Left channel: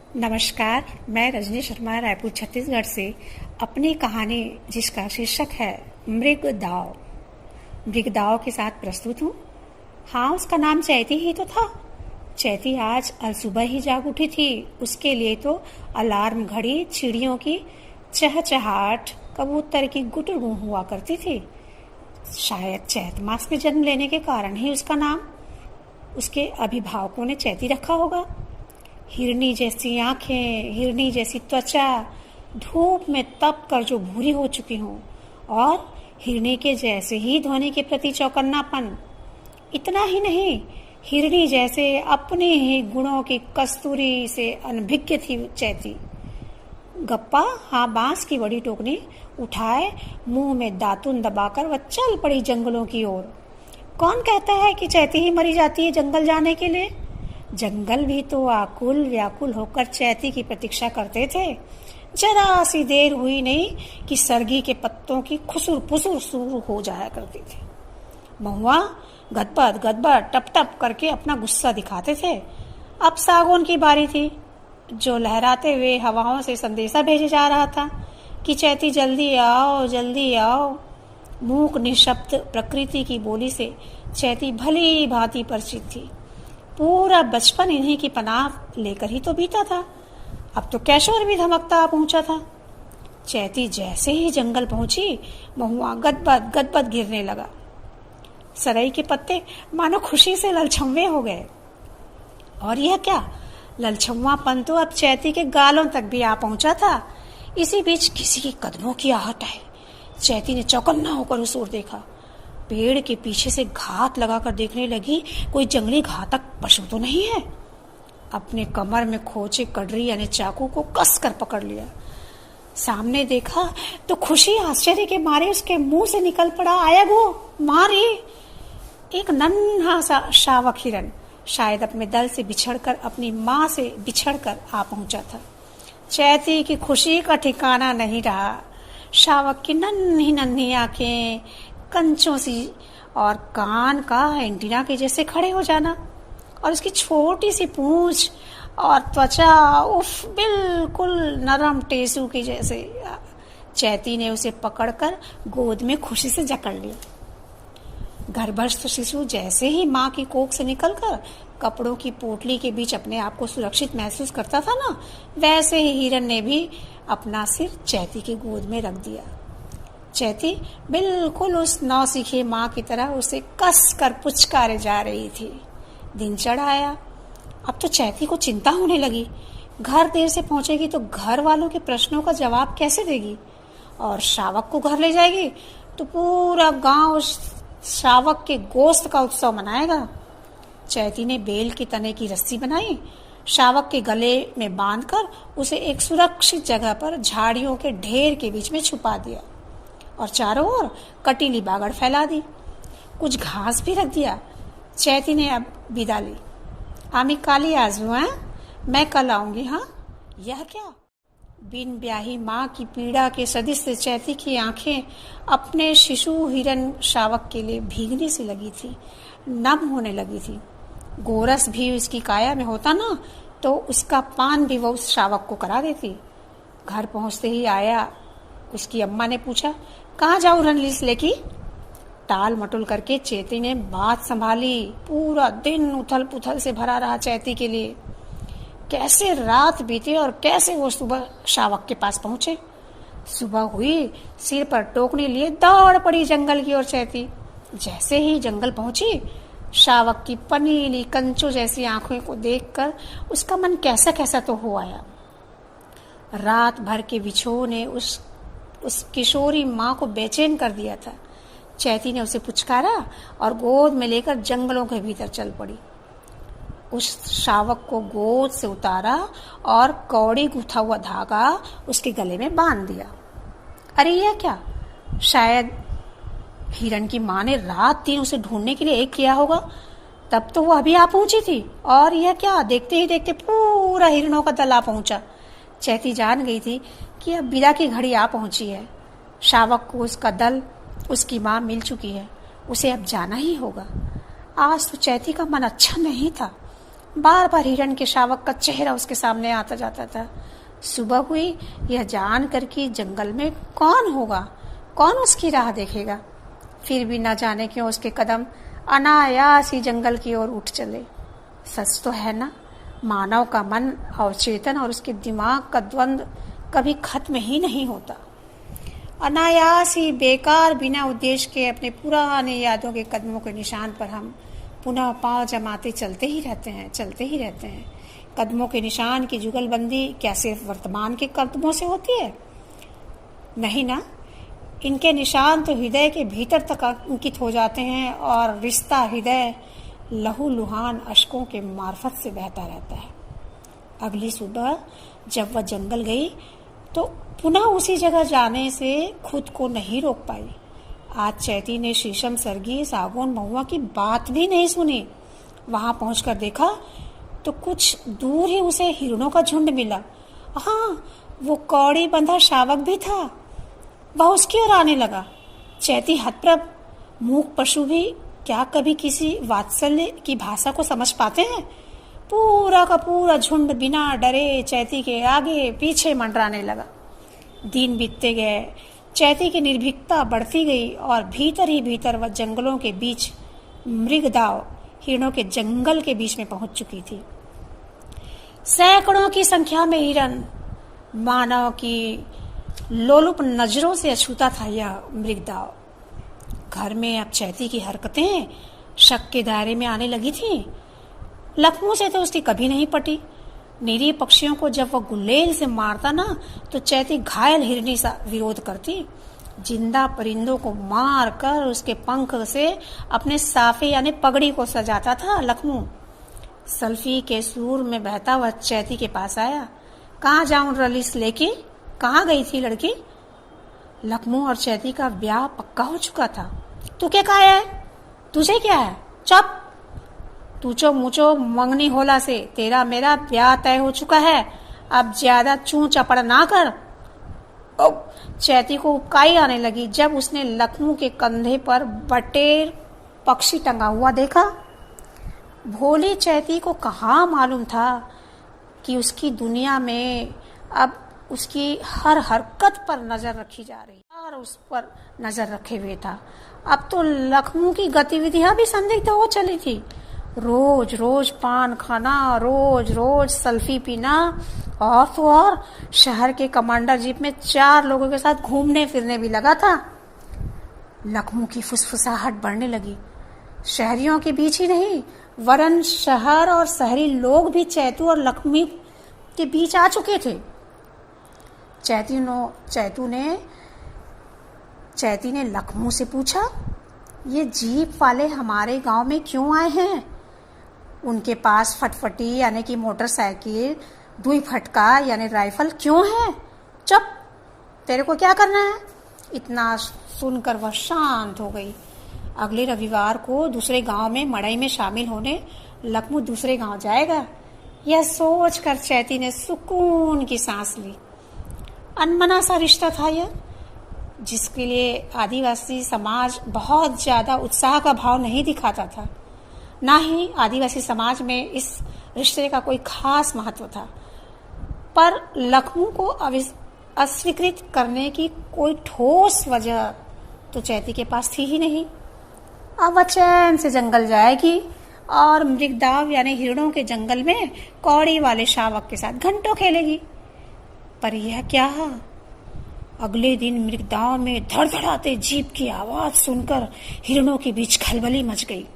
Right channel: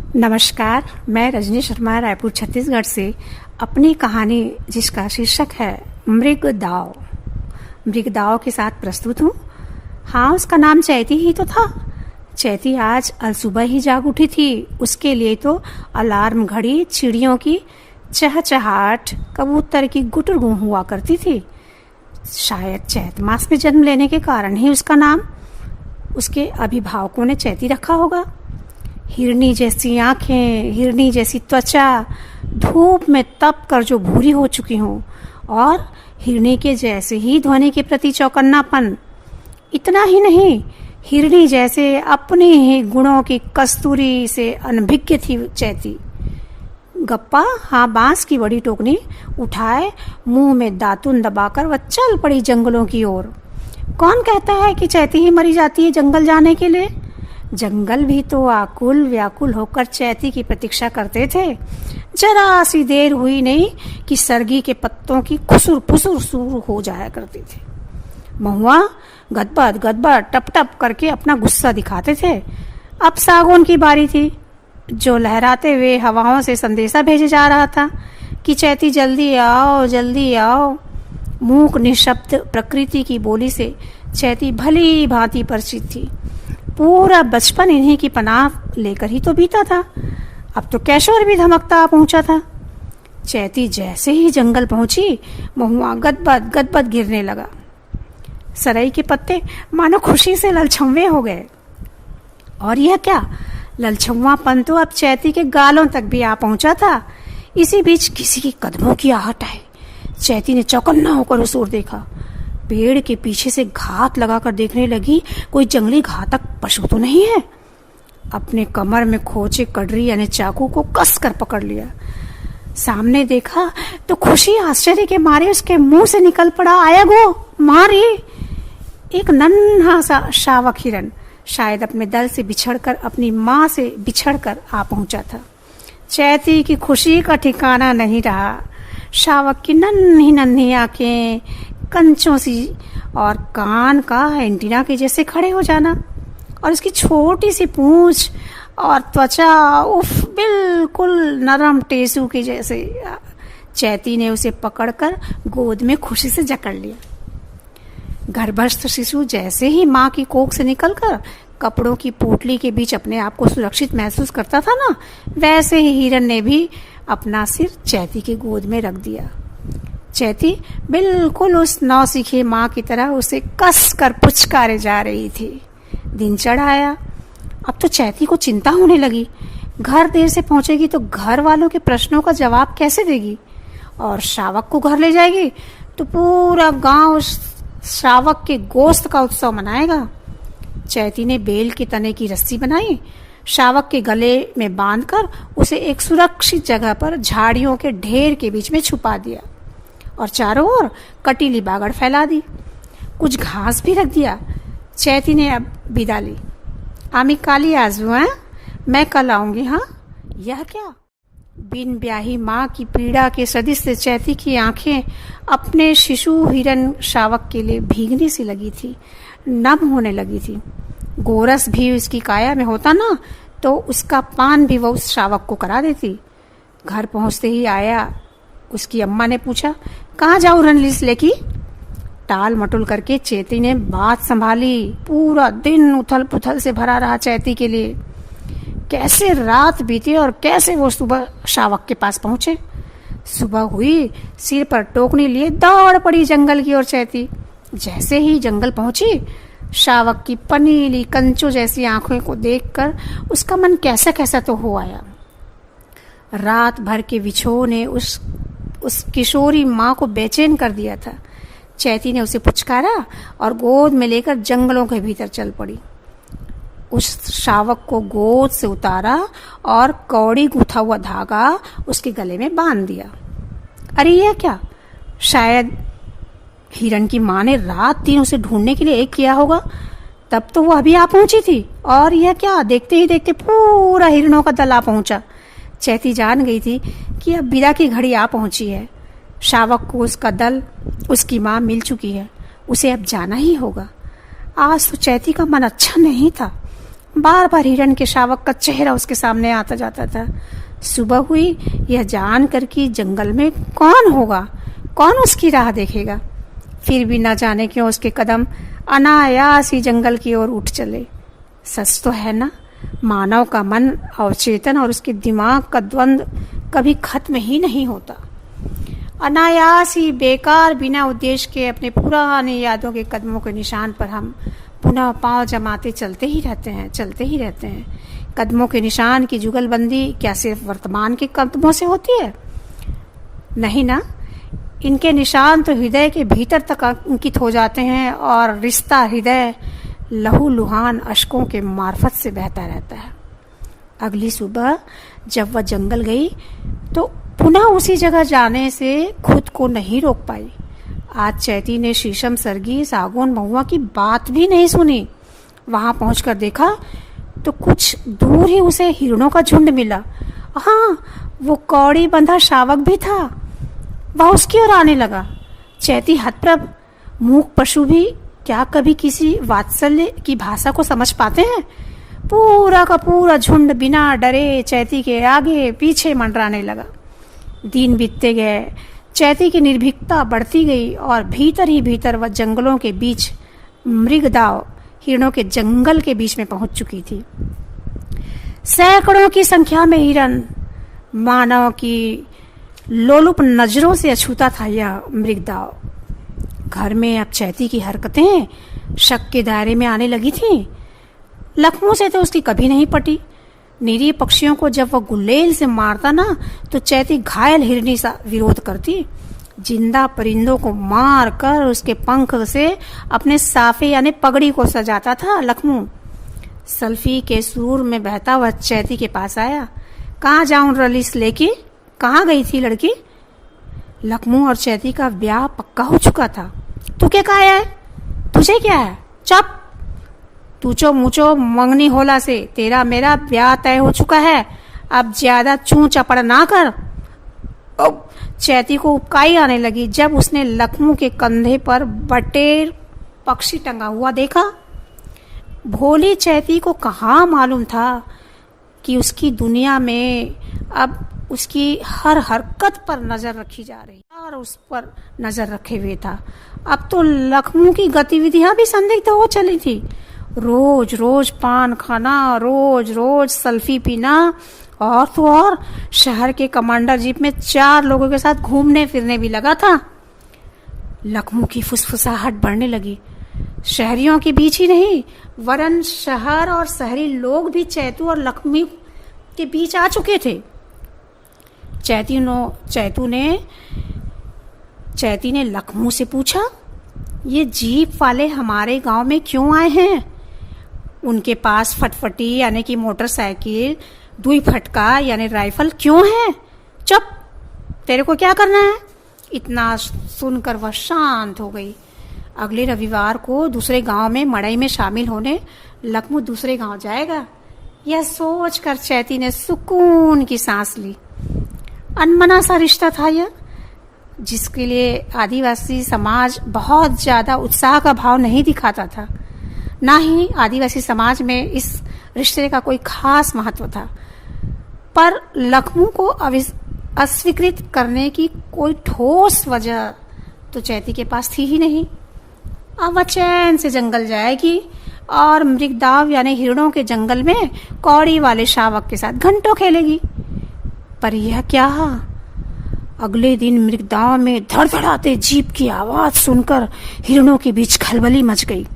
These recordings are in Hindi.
नमस्कार, मैं रजनी शर्मा रायपुर छत्तीसगढ़ से अपनी कहानी जिसका शीर्षक है मृगदाव। मृगदाव के साथ प्रस्तुत हूँ। हाँ, उसका नाम चैती ही तो था। चैती आज अलसुबह ही जाग उठी थी। उसके लिए तो अलार्म घड़ी चिड़ियों की चहचहाट, कबूतर की गुटरगू हुआ करती थी। शायद चैत मास में जन्म लेने के कारण ही उसका नाम उसके अभिभावकों ने चैती रखा होगा। हिरनी जैसी आंखें, हिरनी जैसी त्वचा, धूप में तप कर जो भूरी हो चुकी हों, और हिरनी के जैसे ही ध्वनि के प्रति चौकन्नापन। इतना ही नहीं, हिरनी जैसे अपने ही गुणों की कस्तूरी से अनभिज्ञ थी चैती। गप्पा हाँ, बांस की बड़ी टोकनी उठाए मुंह में दातुन दबाकर वह चल पड़ी जंगलों की ओर। कौन कहता है कि चैती ही मरी जाती है जंगल जाने के लिए? जंगल भी तो आकुल व्याकुल होकर चैती की प्रतीक्षा करते थे। जरा सी देर हुई नहीं कि सरगी के पत्तों की खुसुर फुसुर शुरू हो जाया करती थी। महुआ गदबद गदबद टप टप करके अपना गुस्सा दिखाते थे। अब सागौन की बारी थी, जो लहराते हुए हवाओं से संदेशा भेजे जा रहा था कि चैती जल्दी आओ, जल्दी आओ। मूक निशब्द प्रकृति की बोली से चैती भली भांति परिचित थी। पूरा बचपन इन्हीं की पनाह लेकर ही तो बीता था। अब तो कैशोर भी धमकता पहुंचा था। चैती जैसे ही जंगल पहुंची, महुआ गदबद गदबद गिरने लगा। सरई के पत्ते मानो खुशी से ललछम्वे हो गए। और यह क्या, ललछम्वापन तो अब चैती के गालों तक भी आ पहुंचा था। इसी बीच किसी के कदमों की आहट आई। चैती ने चौकन्ना होकर उस ओर देखा। पेड़ के पीछे से घात लगाकर देखने लगी, कोई जंगली घातक पशु तो नहीं है। अपने कमर में खोचे कड़री यानी चाकू को कस कर पकड़ लिया। सामने देखा तो खुशी आश्चर्य के मारे उसके मुंह से निकल पड़ा, आया गो मारी। एक नन्हा सा शावक हिरन शायद अपने दल से बिछड़कर, अपनी माँ से बिछड़कर आ पहुंचा था। चैती की खुशी का ठिकाना नहीं रहा। शावक की नन्ही नन्ही आंखें कंचों सी और कान का एंटीना के जैसे खड़े हो जाना, और उसकी छोटी सी पूंछ और त्वचा, उफ, बिल्कुल नरम टेसू के जैसे। चैती ने उसे पकड़कर गोद में खुशी से जकड़ लिया। गर्भस्थ शिशु जैसे ही माँ की कोख से निकलकर कपड़ों की पोटली के बीच अपने आप को सुरक्षित महसूस करता था ना, वैसे ही हिरन ने भी अपना सिर चैती की गोद में रख दिया। चैती बिल्कुल उस नौसिखी माँ की तरह उसे कस कर पुचकारे जा रही थी। दिन चढ़ आया। अब तो चैती को चिंता होने लगी। घर देर से पहुंचेगी तो घर वालों के प्रश्नों का जवाब कैसे देगी, और शावक को घर ले जाएगी तो पूरा गांव उस शावक के गोश्त का उत्सव मनाएगा। चैती ने बेल के तने की रस्सी बनाई, शावक के गले में बांधकर उसे एक सुरक्षित जगह पर झाड़ियों के ढेर के बीच में छुपा दिया, और चारों ओर कटीली बागड़ फैला दी। कुछ घास भी रख दिया। चैती ने अब विदा ली। आमी काली आजू हैं, मैं कल आऊंगी। हाँ, यह क्या? बिन ब्याही माँ की पीड़ा के सदिश से चैती की आंखें अपने शिशु हिरन शावक के लिए भीगने सी लगी थी, नम होने लगी थी। गोरस भी उसकी काया में होता ना, तो उसका पान भी वह उस शावक को करा देती। घर पहुंचते ही आया उसकी अम्मा ने पूछा, कहाँ जाऊं रणलिस लेकी? टाल मटुल करके चैती ने बात संभाली। पूरा दिन उथल पुथल से भरा रहा चैती के लिए। कैसे रात बीती और कैसे वो सुबह शावक के पास पहुंचे। सुबह हुई, सिर पर टोकनी लिए दौड़ पड़ी जंगल की ओर चैती। जैसे ही जंगल पहुंची, शावक की पनीली कंचों जैसी आंखों को देखकर उसका मन कैसा कैसा तो हो आया। रात भर के विछोह ने उस किशोरी माँ को बेचैन कर दिया था। चैती ने उसे पुचकारा और गोद में लेकर जंगलों के भीतर चल पड़ी। उस शावक को गोद से उतारा और कौड़ी गूथा हुआ धागा उसके गले में बांध दिया। अरे यह क्या, शायद हिरन की माँ ने रात दिन उसे ढूंढने के लिए एक किया होगा। तब तो वो अभी आ पहुंची थी, और यह क्या, देखते ही देखते पूरा हिरनों का दल आ पहुंचा। चैती जान गई थी कि अब विदा की घड़ी आ पहुंची है। शावक को उसका दल, उसकी माँ मिल चुकी है। उसे अब जाना ही होगा। आज तो चैती का मन अच्छा नहीं था। बार बार हिरण के शावक का चेहरा उसके सामने आता जाता था। सुबह हुई, यह जानकर कि जंगल में कौन होगा, कौन उसकी राह देखेगा। फिर भी न जाने क्यों उसके कदम अनायास ही जंगल की ओर उठ चले। सच तो है ना, मानव का मन अवचेतन और उसके दिमाग का द्वंद्व कभी खत्म ही नहीं होता। अनायास ही बेकार बिना उद्देश्य के अपने पुरानी यादों के कदमों के निशान पर हम पुनः पांव जमाते चलते ही रहते हैं। कदमों के निशान की जुगलबंदी क्या सिर्फ वर्तमान के कदमों से होती है? नहीं ना, इनके निशान तो हृदय के भीतर तक अंकित हो जाते हैं और रिश्ता हृदय लहू लुहान अश्कों के मार्फत से बहता रहता है। अगली सुबह जब वह जंगल गई तो पुनः उसी जगह जाने से खुद को नहीं रोक पाई। आज चैती ने शीशम, सरगी, सागौन, महुआ की बात भी नहीं सुनी। वहां पहुंचकर देखा तो कुछ दूर ही उसे हिरणों का झुंड मिला। हाँ, वो कौड़ी बंधा शावक भी था। वह उसकी ओर आने लगा। चैती हतप्रभ, मूक पशु भी क्या कभी किसी वात्सल्य की भाषा को समझ पाते हैं? पूरा का पूरा झुंड बिना डरे चैती के आगे पीछे मंडराने लगा। दिन बीतते गए, चैती की निर्भीकता बढ़ती गई और भीतर ही भीतर वह जंगलों के बीच मृगदाव हिरणों के जंगल के बीच में पहुंच चुकी थी। सैकड़ों की संख्या में हिरण, मानव की लोलुप नजरों से अछूता था यह मृगदाव। घर में अब चैती की हरकतें शक के दायरे में आने लगी थीं। लखनऊ से तो उसकी कभी नहीं पटी। निरीह पक्षियों को जब वह गुलेल से मारता ना तो चैती घायल हिरनी सा विरोध करती। जिंदा परिंदों को मार कर उसके पंख से अपने साफे यानी पगड़ी को सजाता था लखनऊ। सल्फी के सूर में बहता हुआ चैती के पास आया। कहाँ जाऊं रलीस लेके, कहाँ गई थी लड़की? लखनऊ और चैती का ब्याह पक्का हो चुका था। तू क्या कहा है? तुझे क्या है? चुप! तूचो मुचो मंगनी होला से तेरा मेरा ब्याह तय हो चुका है। अब ज्यादा चू चपड़ ना कर। चैती को उबकाई आने लगी जब उसने लखनऊ के कंधे पर बटेर पक्षी टंगा हुआ देखा। भोली चैती को कहाँ मालूम था कि उसकी दुनिया में अब उसकी हर हरकत पर नजर रखी जा रही और उस पर नजर रखे हुए था। अब तो लखनऊ की गतिविधियां भी संदिग्ध हो चली थी। रोज रोज पान खाना, रोज रोज सल्फी पीना और तो और शहर के कमांडर जीप में 4 लोगों के साथ घूमने फिरने भी लगा था। लखनऊ की फुसफुसाहट बढ़ने लगी। शहरियों के बीच ही नहीं वरन शहर और शहरी लोग भी चैतू और लखनऊ के बीच आ चुके थे। चैती ने लखनऊ से पूछा, ये जीप वाले हमारे गांव में क्यों आए हैं? उनके पास फटफटी यानी कि मोटरसाइकिल, 2 फटका यानी राइफल क्यों है? चुप! तेरे को क्या करना है? इतना सुनकर वह शांत हो गई। अगले रविवार को दूसरे गांव में मड़ई में शामिल होने लखनऊ दूसरे गांव जाएगा। यह सोचकर चैती ने सुकून की सांस ली। अनमना सा रिश्ता था यह, जिसके लिए आदिवासी समाज बहुत ज्यादा उत्साह का भाव नहीं दिखाता था। ना ही आदिवासी समाज में इस रिश्ते का कोई खास महत्व था। पर लखनऊ को अस्वीकृत करने की कोई ठोस वजह तो चैती के पास थी ही नहीं। अब वह चैन से जंगल जाएगी और मृगदाव यानी हिरणों के जंगल में कौड़ी वाले शावक के साथ घंटों खेलेगी। पर यह क्या? अगले दिन मृगदाव में धड़धड़ाते जीप की आवाज सुनकर हिरणों के बीच खलबली मच गई।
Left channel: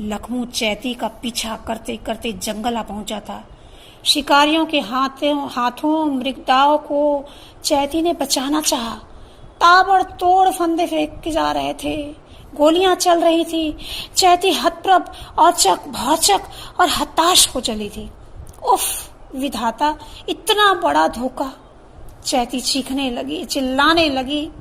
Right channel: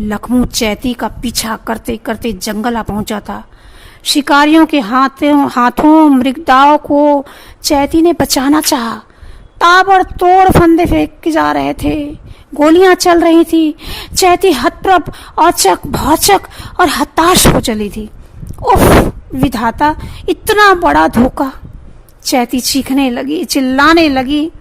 लखनऊ चैती का पीछा करते करते जंगल आ पहुंचा था। शिकारियों के हाथों मृगदाव को चैती ने बचाना चाहा। ताबड़तोड़ फंदे फेंके जा रहे थे, गोलियां चल रही थी। चैती हतप्रभ, औचक, भौचक और हताश हो चली थी। उफ विधाता, इतना बड़ा धोखा! चैती चीखने लगी, चिल्लाने लगी।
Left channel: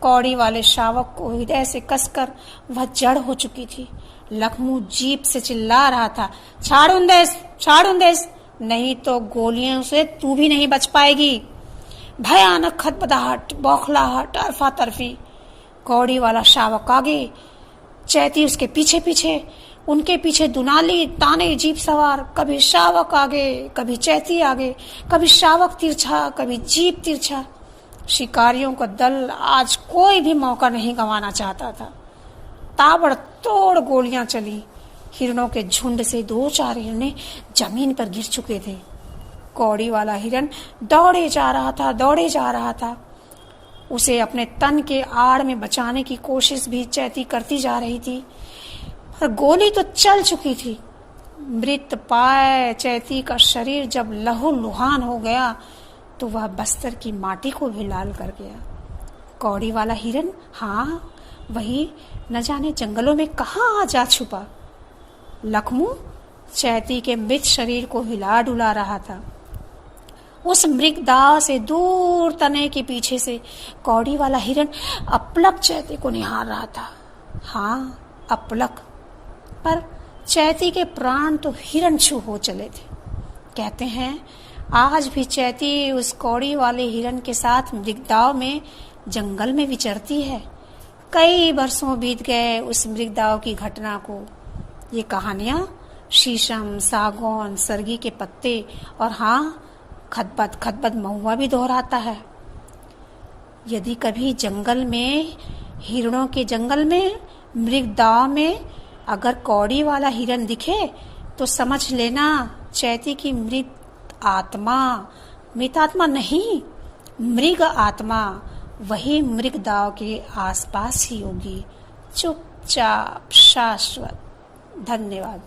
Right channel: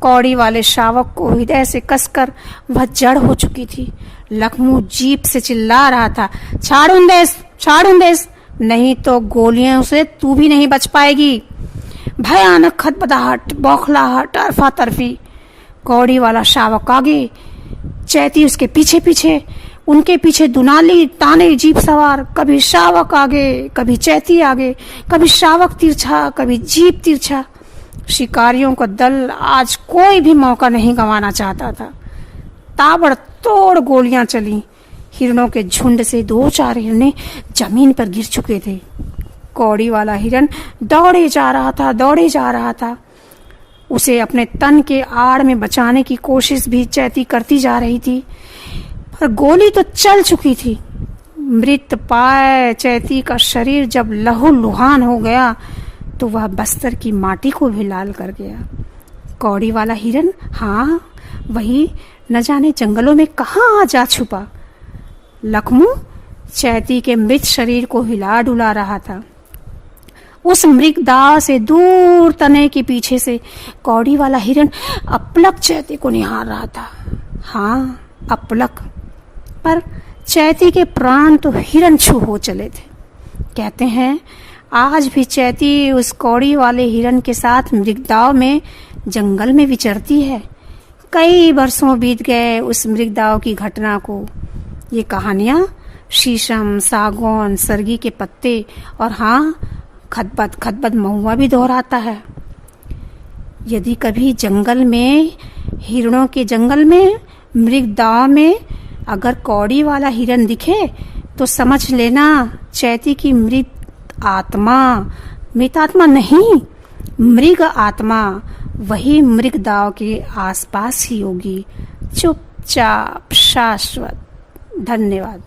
कौड़ी वाले शावक को हृदय से कसकर वह जड़ हो चुकी थी। लखनऊ जीप से चिल्ला रहा था, छाड़ूं देश, नहीं तो गोलियों से तू भी नहीं बच पाएगी। भयानक खदबदाहट, बौखलाहट, तरफा तरफी। कौड़ी वाला शावक आगे, चैती उसके पीछे पीछे। उनके पीछे दुनाली ताने जीप सवार, कभी श्रावक आगे, कभी चैती आगे, कभी श्रावक तिरछा, कभी जीप तिरछा। शिकारियों का दल आज कोई भी मौका नहीं गंवाना चाहता था। ताबड़तोड़ गोलियां चली। हिरणों के झुंड से 2-4 हिरने जमीन पर गिर चुके थे। कौड़ी वाला हिरन दौड़े जा रहा था। उसे अपने तन के आड़ में बचाने की कोशिश भी चैती करती जा रही थी, पर गोली तो चल चुकी थी। मृत पाए चैती का शरीर जब लहूलुहान हो गया तो वह बस्तर की माटी को भी लाल कर गया। कौड़ी वाला हिरन, हाँ वही, न जाने जंगलों में कहाँ जा छुपा। लखमू चैती के मृत शरीर को हिला डुला रहा था। उस मृगदाव से दूर तने के पीछे से कौड़ी वाला हिरन अपलक चैती को निहार रहा था। हाँ, अपलक, पर चैती के प्राण तो हिरन छू हो चले थे। कहते हैं आज भी चैती उस कौड़ी वाले हिरन के साथ मृगदाव में जंगल में विचरती है। कई बरसों बीत गए उस मृगदाव की घटना को। ये कहानियां शीशम, सागौन, सरगी के पत्ते और हाँ, खदबद महुआ भी दोहराता है। यदि कभी जंगल में, हिरणों के जंगल में, मृगदाव में अगर कौड़ी वाला हिरन दिखे तो समझ लेना चैती की मृत आत्मा नहीं, मृग आत्मा वही मृगदाव के आसपास ही होगी, चुपचाप शाश्वत। धन्यवाद।